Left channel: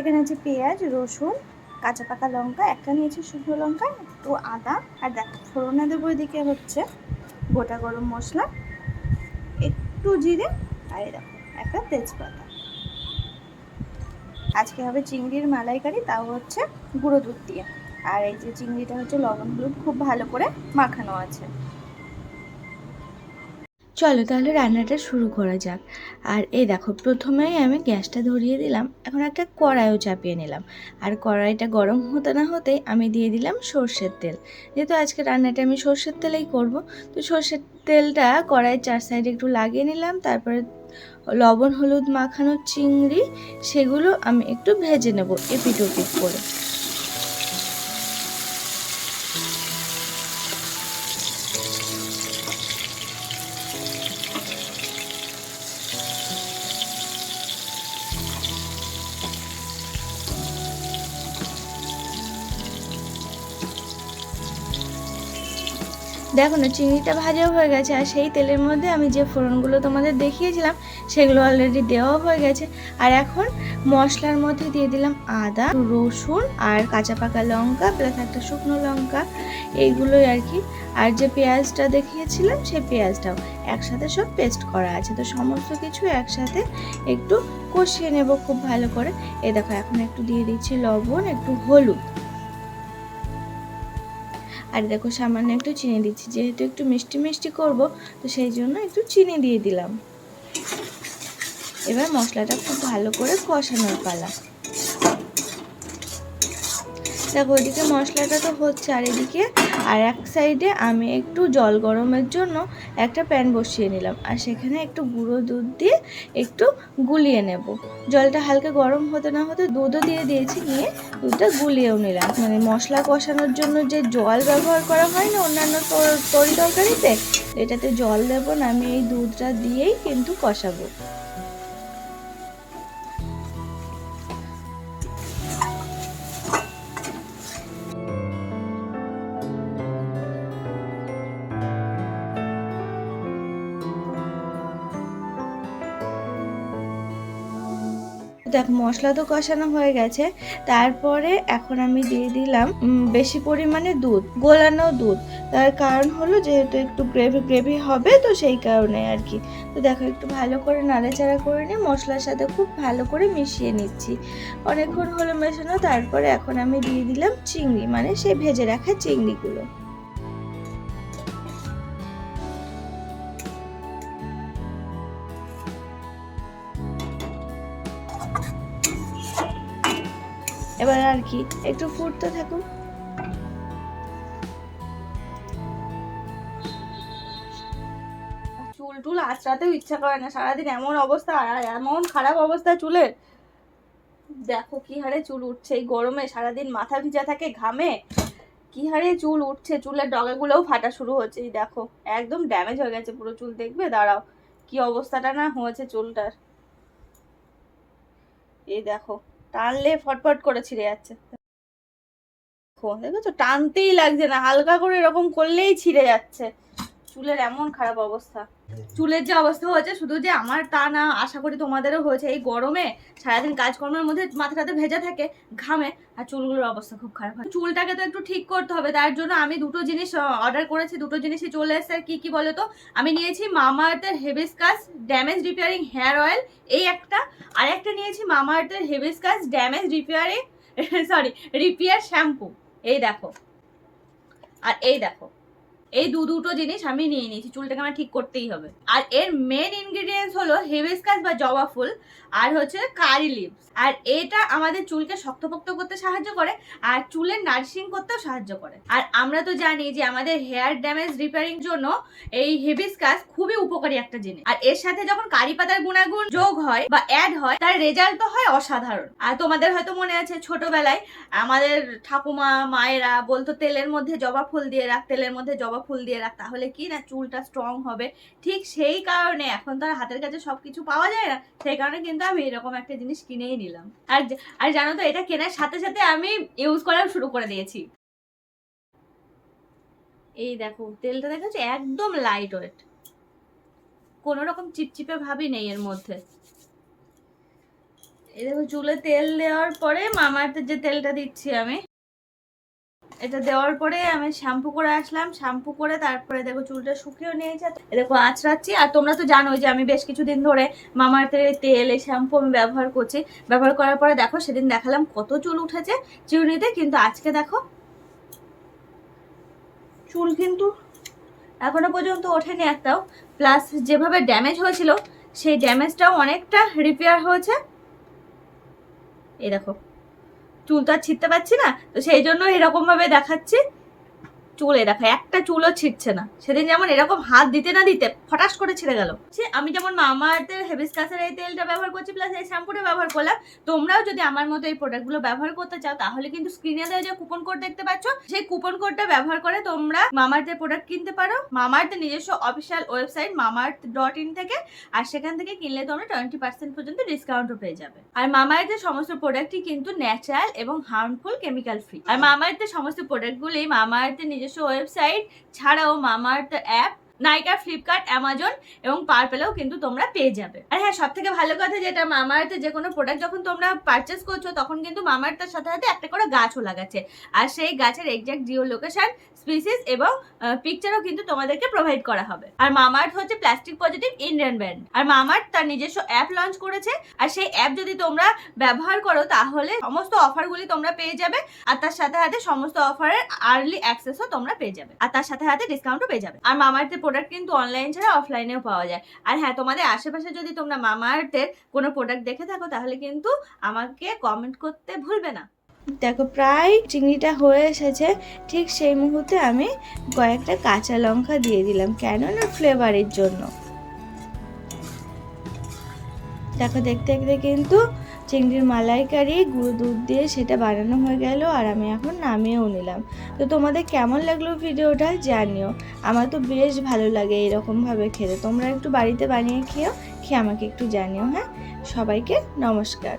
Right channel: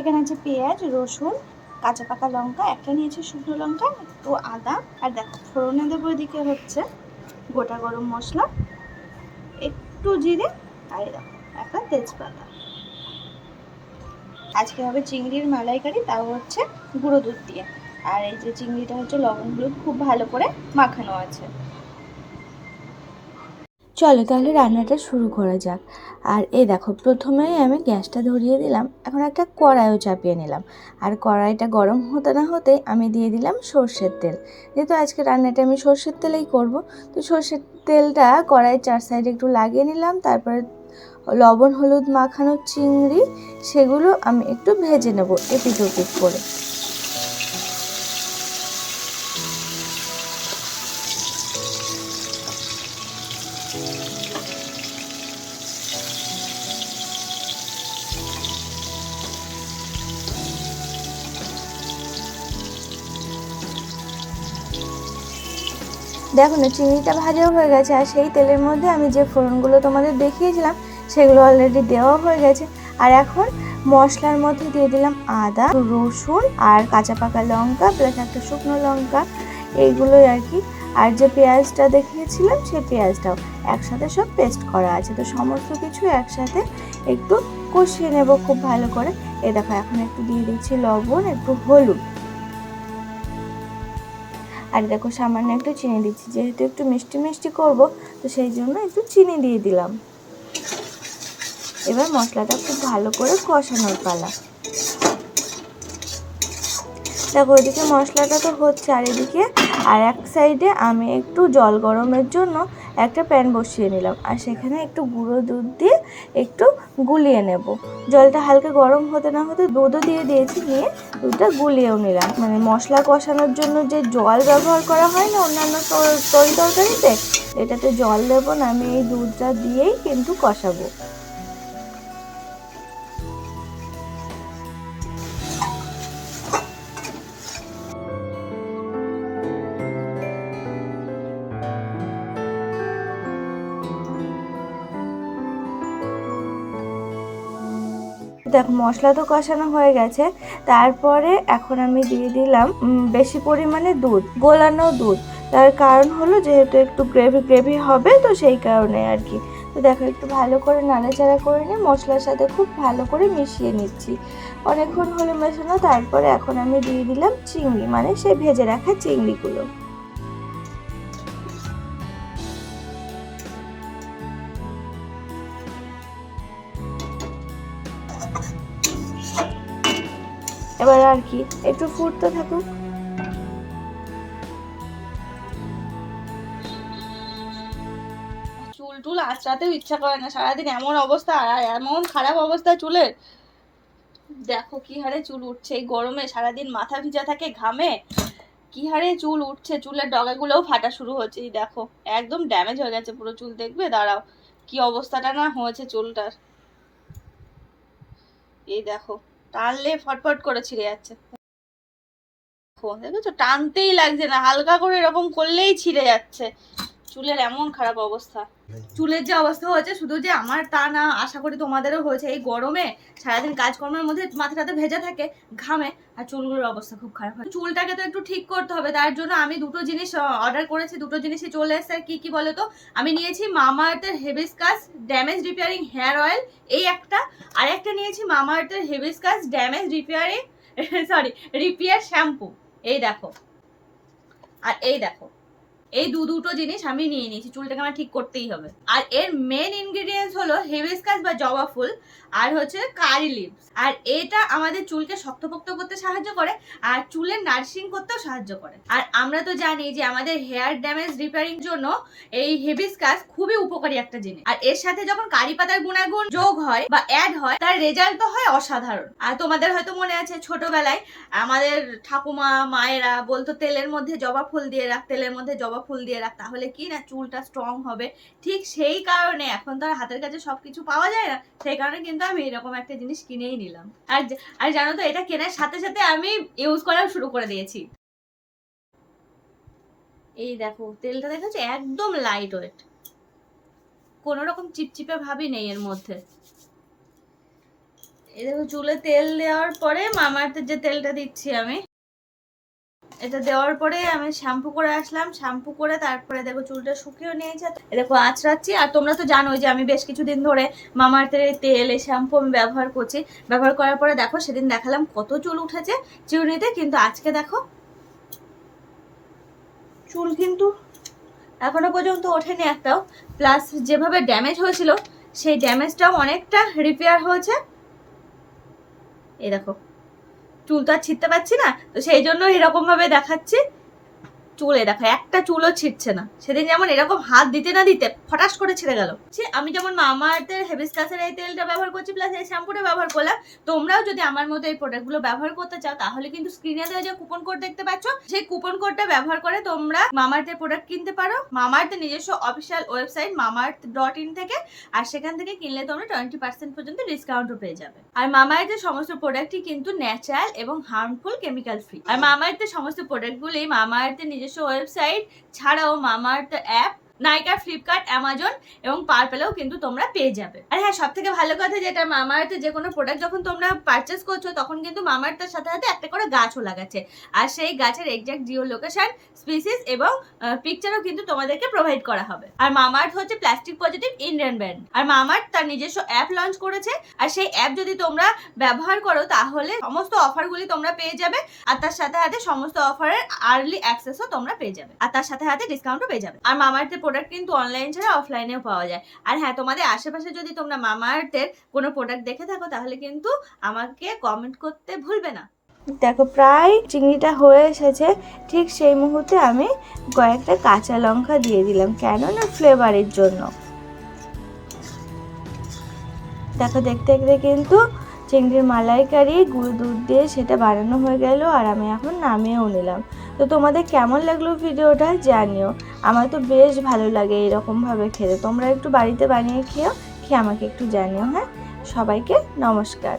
এখানে আছে পেঁয়াজ, রসুন, কাঁচা পাকা লঙ্কা, একটা নিয়েছি শুকনো লঙ্কা, একটু আদা। আর দেখো, ফোড়নে দেবো এদিকে হচ্ছে গোটা গরম মশলা, একটু জিরে, আর দেখো, একটা তেজপাতা। আজকে হবে চিংড়ির মালাইকারি, তাও হচ্ছে গুঁড়ো দুধ দিয়ে। আর এই যে চিংড়িটা হচ্ছে লবণ হলুদ, খুব ভালো করে মাখানো আছে। চলো তাহলে রান্নাটা শুরু করা যাক। আর এই দেখো, প্রথমেই আমি গ্যাসটা ধরিয়ে দিলাম। এখন একটা কড়াইও চাপিয়ে নিলাম। আর কড়াইটা গরম হতে না হতেই আমি দিয়ে দিলাম সর্ষের তেল। যেহেতু আজকে রান্নাটা আমি সর্ষের তেলেই করব, তো সর্ষের তেলটা কড়াইয়ের চার সাইডে একটু লাগিয়ে নিলাম। তারপরে লবণ, হলুদ মাখানো চিংড়ি, সেগুলো আমি একটু ভেজে নেব এপিট ওপিট করে। দেখো না চিংড়িটা ভাজাও হয়ে গেছে আর সেই তেলের মধ্যে আমি যে ফোড়নগুলো তোমাদের দেখিয়েছিলাম, সেগুলো অলরেডি দেওয়া হয়ে গেছে। আর এখন মশলার মধ্যে দিয়ে দিলাম আদা, রসুন আর কাঁচা পাকা লঙ্কা প্লাস একটা শুকনো লঙ্কা, এইগুলোই আর কি। আর যে পেঁয়াজটা দেখিয়েছিলাম, সেই পেঁয়াজটাও একসাথে সব পেস্ট করা আছে। তো সমস্ত কিছু একসাথে একটু কষিয়ে নেব খুব ভালো করে। এ দেখো, এখন একটু দিয়ে দিচ্ছি লবণ, একটু হলুদ। আর দেখো সামান্য একটু চিনি দিচ্ছি, যেহেতু একটু মিষ্টি মিষ্টি করব, তো সেই জন্য একটু চিনি দিয়ে দিলাম। এবার মশলাটা খুব ভালো করে কষানোর পালা। দেখো ওইদিকে মশলাটা তো হচ্ছে আর এদিকে, আর এক সাইডে আমি একটু জল গরমের জন্য একটা প্যান বসিয়ে নিলাম আর সেখানে একটু গুঁড়ো দুধ দিয়ে একটু গুলিয়ে নেব। জলটা হালকা গরম হতে না হতে দুধও দিয়ে দিয়েছি, নিয়ে দুধটা গুলিয়েও নিলাম। মানে মশলা কষানোর জন্য যে জল ব্যবহার করা হয় না অন্যান্য তর- তরি তরকারিতে, এটাতে জল দেবো না, আমি এই দুধটা দিয়েই কিন্তু কষাবো। দেখ, মশলা তো কষানো হয়ে গেছে। তারপরে এখন আমি দিয়ে দিলাম বেশি পরিমাণে দুধ, গোলানো দুধ। তার কারণ হলো যেহেতু একটু গ্রেভি গ্রেভি হবে, তো সেই কারণে আর কি। তো দেখো, একটু ভালো করে নাড়াচাড়া করে নিয়ে মশলার সাথে খুব ভালো করে মিশিয়ে নিচ্ছি। অনেকক্ষণ হলো মেশানো, তারপরে এখন আমি দিয়ে দিলাম চিংড়ি মানে সেই ভেজে রাখা চিংড়িগুলো। এবার আর কি, একটু ফুটতে থাকুক। চুল টুল আঁচড়াতেও ইচ্ছা করে না, সারাদিন এমন অবস্থা আর এমন খারাপ অবস্থা চুলের। দেখো কি হারে চুল উঠছে এই গরমে, সারাদিন মাথা ভিজা থাকে ঘামে। কি হারে চুল উঠছে, চুলের ডগাগুলোও ফাটা শুরু হচ্ছে, এই দেখো, একদম ড্যামেজ হয়ে গেছে পুরো চুল, দেখবে? দাঁড়াও, কি অবস্থাটা না হয়েছে চুলটার। এই দেখো টানলে ফটফট করে ছিঁড়ে যাচ্ছে। টানতেই লাগছে না হালকা করে এরকম করলেই ছিঁড়ে যাচ্ছে। চুলের এমন খারাপ অবস্থা। চুলের যে অবস্থা হয়েছে শুধু যে আমার তা না আশা করি তোমাদেরও হয়েছে। এই গরমে সারাদিন কাজকর্মের মধ্যে মাথা মাথাটাতে ভেজা থাকে ঘামে আর চুলগুলোর অবস্থা খুব খারাপ হয়। চুলটাকে তো একটু ঠিক করতে হবে তার জন্য আমি দুটো জিনিস অর্ডার করেছি। দুটো জিনিসই চলে এসেছে। কি কি বলো তো? আমি নিয়েছি মামাআর্থের hibiscus damage repairing hair oil এই একটা। আর একটা নিয়েছি মামাআর্থের hibiscus damage repairing sorry repair shampoo এই দেখো। আর এই দেখো। এই দু দুটো জিনিস আমি নিয়ে নিয়েছি, চুলটাকে আমার ঠিক করতেই হবে। আর এর মেন ইনগ্রিডিয়েন্টস হলো হেভেসকাস বা জবা ফুল, আর হচ্ছে কারি লিভস। আর এটা আমাদের চুলকে শক্তপোক্ত করতে সাহায্য করে, আর চুলের নার্সিং করতেও সাহায্য করে। আর আমরা তো জানি যে আমাদের হেয়ার ড্যামেজ রিপেয়ারিং জন্য এই হেভিসকাস খুবই উপকারী একটা জিনিস। আর এর সাথে যখন কারি পাতার গুণাগুণ যোগ হয় বা অ্যাড হয়, তার রেজাল্ট তো হয় অসাধারণ। আর তোমাদের হয়তো মনে আছে ছোটবেলায় আমাদের ঠাকুমা, মায়েরা বলতো, তেলের মধ্যে জবা ফুল দিয়ে রাখ, তেলের মধ্যে জবা ফুল দিয়ে রাখ, তাহলে কি না চুলটা স্ট্রং হবে? ঠিক সেই কারণে এখন তো আর হাতের কাছে সবকিছু পাওয়া যায় না, সেই কারণে কিন্তু আমি এরকম একটা জিনিস কিনেই নিলাম। আর আর জানো তো, এটা কেনার সাথে সাথে আমি ইউজ করা শুরু করে দিয়েছি। এই দেখো, তেলটা দেখাচ্ছে একদম লাইট ওয়েট কোনো রকম চিপচিপে ভাবই নেই এর মধ্যে। এই দেখো, চুলে তেল দেওয়ার পরে মামার্থের যে তেলটা দিচ্ছি আমি। এটা দেওয়ার পরে আমি শ্যাম্পু করে আসলাম, শ্যাম্পু করে তারপরে দেখো চুলটা শুকিয়েও নিয়েছে। দেখো, আঁচড়াচ্ছি, আর তোমরা তো জানোই যে আমি বেশ কিছুদিন ধরে মামার্থের তেল, এই শ্যাম্পু আমি ব্যবহার করছি। ব্যবহার করার পরে দেখো, সেদিন দেখালাম কত চুল উঠেছে চিরুনিতে কিন্তু আজকে দেখো, চুল কিন্তু এখনও পর্যন্ত ওঠেনি একটাও। প্লাস যেভাবে ড্যামেজ হয়েছিল, সেই ড্যামেজটাও অনেকটা রিপেয়ার হয়েছে। এই দেখো চুলটা ছিঁড়তে পারছি না তো সেই জন্য এরকম ভাবে দেখাচ্ছি। চুলে দেখো, একটা চুলও ছিটছে না। সেদিন যেমন এরকম হাত দিতে না দিতে ফটাস করে ছিঁড়ে গেল। আমি যেমন মামাআর্থের হেবিস্কাসের এই তেলটা ব্যবহার করছি প্লাস এই শ্যাম্পুটা ব্যবহার করলাম, তোমরাও যদি আমার মতো এই প্রোডাক্টগুলো ব্যবহার করতে চাও, তাহলে কিন্তু স্ক্রিনে দেওয়া যে কুপন কোড দেখতে পাচ্ছ, সেই কুপন কোডটা ব্যবহার করে তোমরা মামাআর্থের প্রোডাক্ট কিনতে পারো। মামাআর্থের নিজস্ব official website Mamaearth dot in থেকে, আর সেখান থেকে কিনলে তোমরা টোয়েন্টি পার্সেন্ট পর্যন্ত ডিসকাউন্টও পেয়ে যাবে। আর মামাআর্থের সমস্ত প্রোডাক্টই কিন্তু ন্যাচারাল এবং হার্মফুল কেমিক্যাল ফ্রি আর মামাআর্থের সমস্ত প্রোডাক্টগুলি মামাআর্থের নিজস্ব ওয়েবসাইট ছাড়াও Mamaearth app Nykaa Flipkart Amazon এবং পার্পেলেও কিন্তু তোমরা পেয়ে যাবে। আর হ্যাঁ সব থেকে ভালো কথা যেটা, মামাআর্থে যে কোনো প্রোডাক্ট যখন তোমরা পারচেস করছ, তখন কিন্তু মামাআর্থের সাথে সাথে একটা করে গাছও লাগাচ্ছে। আর সেই গাছের এক্সাক্ট জিও লোকেশন স্পিসিস এবং পিকচারও কিন্তু তোমাদেরকে প্রোভাইড করা হবে। আর মামাআর্থ হচ্ছে প্লাস্টিক পজিটিভ ইন্ডিয়ান ব্র্যান্ড আর মামাআর্থ তার নিজস্ব অ্যাপ লঞ্চ করেছে। আর সেই অ্যাপ যদি তোমরা ব্যবহার করো, তাহলে সমস্ত অফারগুলি তোমরা পেয়ে যাবে। আর তার সাথে সাথে সমস্ত অফারের আর্লি অ্যাক্সেসও তোমরা পেয়ে যাবে। আর তার সাথে সাথে ডিসকাউন্টও পেয়ে যাবে। আর মামাআর্থের প্রোডাক্ট কিন্তু অনলাইন ছাড়া অফলাইনেও পাওয়া যায়। আর হ্যাঁ তোমাদের আশেপাশে যদি তোমরা মামাআর্থের কোনো প্রোডাক্ট দেখে থাকো, তাহলে কিন্তু আমাকে কমেন্ট করতে ভুলবে না। দেখো, প্রায় চিংড়িটা হয়ে এসেছে। ঠিক সেই মুহূর্তে আমি কয়েকটা কাঁচা লঙ্কা দিয়ে দিলাম কেন না ফ্লেভারের জন্য। দেখো, দেখতে দেখতে কিন্তু চিংড়ির মালাইকারি, গুঁড়ো দুধ দিয়ে সেটা বানানো হয়ে গেল আর আমি এখন নামিয়েও নিলাম। তো তোমাদের কেমন লাগল ভিডিওটা জানিও। আমার তো বেশ ভালো লাগে এরকমভাবে খেতে। তোমরা একটু বাড়িতে বানিয়ে খেয়েও খেয়ে আমাকে একটু জানিও হ্যাঁ? সবাইকে নমস্কার।